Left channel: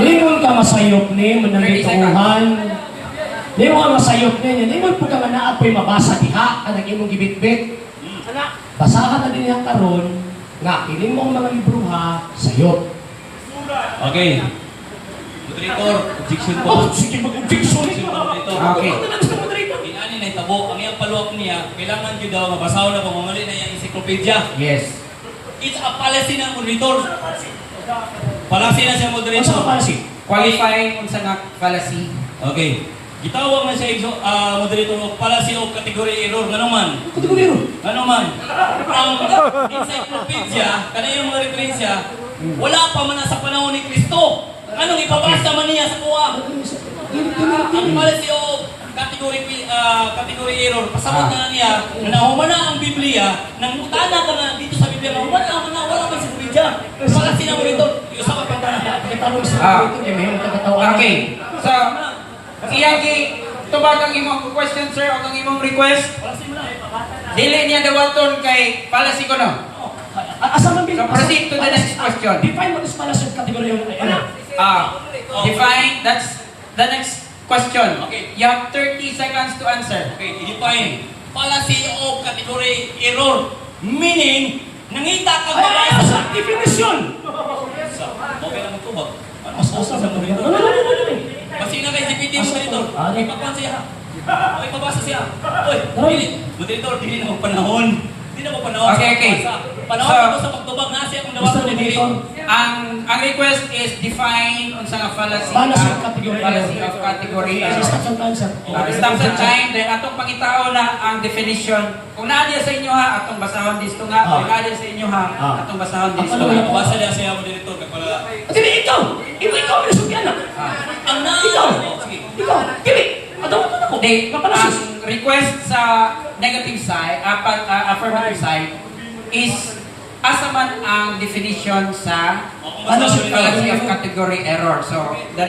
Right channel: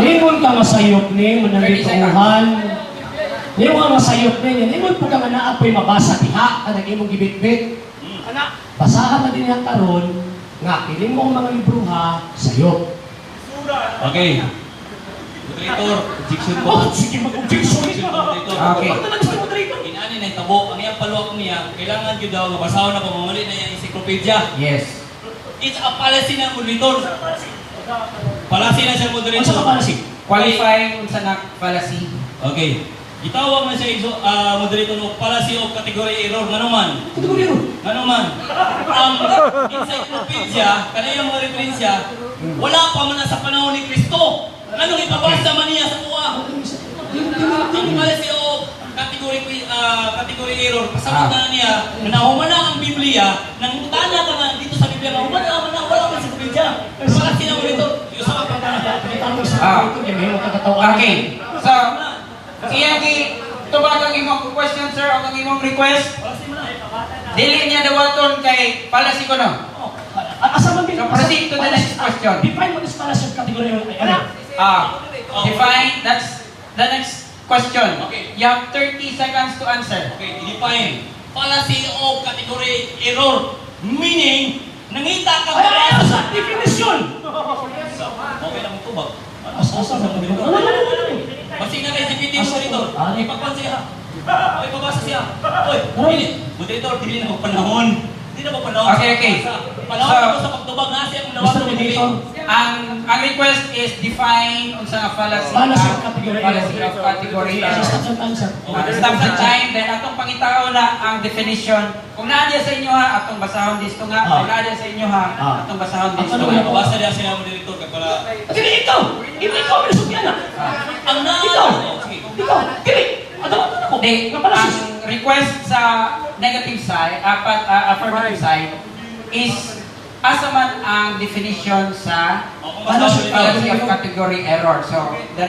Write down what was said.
Limon ka masayop ni, manangituhan. Limon masayop ni, limon po ka nga naapoy mabasa diha, kanang imong gibit-bit. Basahan na din niya karon nga, kining mo ang mga libro ha, sayop. Okay. Moderator, objection po. Oh, sige mag-objection. Okay. Ano na gusto mo dito? Inani na itabo, ang iyang paluwak niya, kailangan yun daw, mabasahon na pamamali na yung encyclopedia. Yes. It's a policy ng moderator. Policy na siya, moderator. Ano sa policy? Qualifying unsa nga fallacy. Okay. Gitawag man siya moderator o policy of category error. Ngano man? Kategoryo. Ngano man? Ang encyclopedia, kanayang mga referensya, wala pa man na sa panahon ni Kristo. Anong ipabasa man niya sa kuha? Ang policy of category error, pasabot na niya, na humana ang Biblia, nang utana ka nga dito sa Biblia, humana na wala pa sa Biblia. Policy na moderator. Okay. So, iyagi tubag ang imong question sir o ang imong request. Dili niya dawaton kay fallacy ko no. Asa man So proceed to the next question. Define mo sa policy of categoryo. Define, that's the next question. Okay. You have 30 seconds to answer. Okay, i-define. Policy of category error. Meaning, nangita ka ba? Ay, sa definition. Okay na magtubag. Asa na mo dito? Kasi na kay DPT mo dito. Ipapan siya. O, ipabasa siya. Oy, dili. Moderator, dili na magpanahon. Dili na magpanahon. Okay. Panahon ako sa pagtubag na siya kung nawasan mo dito. Ang request is define unsa nga fallacy. Policy of category Fallacy of category error. Stop and answer. Stop sa time, then atong pangitao na ang definition. Kung naadiya sa inyo ha, atong basahon disto nga. Kung naadiya sa inyo ha, atong basahon disto Ano nga. yung mabasa niya siya moderator kapala. Dili ikaw. Ikaw ang sugyan na. Ang na. Ikaw. Sige. Ikaw. Dili. Ano ako? Di, Nga pala ang request sa negative side, affirmative side, is asa man ang definition sa Kung basahon fallacy of category error. So,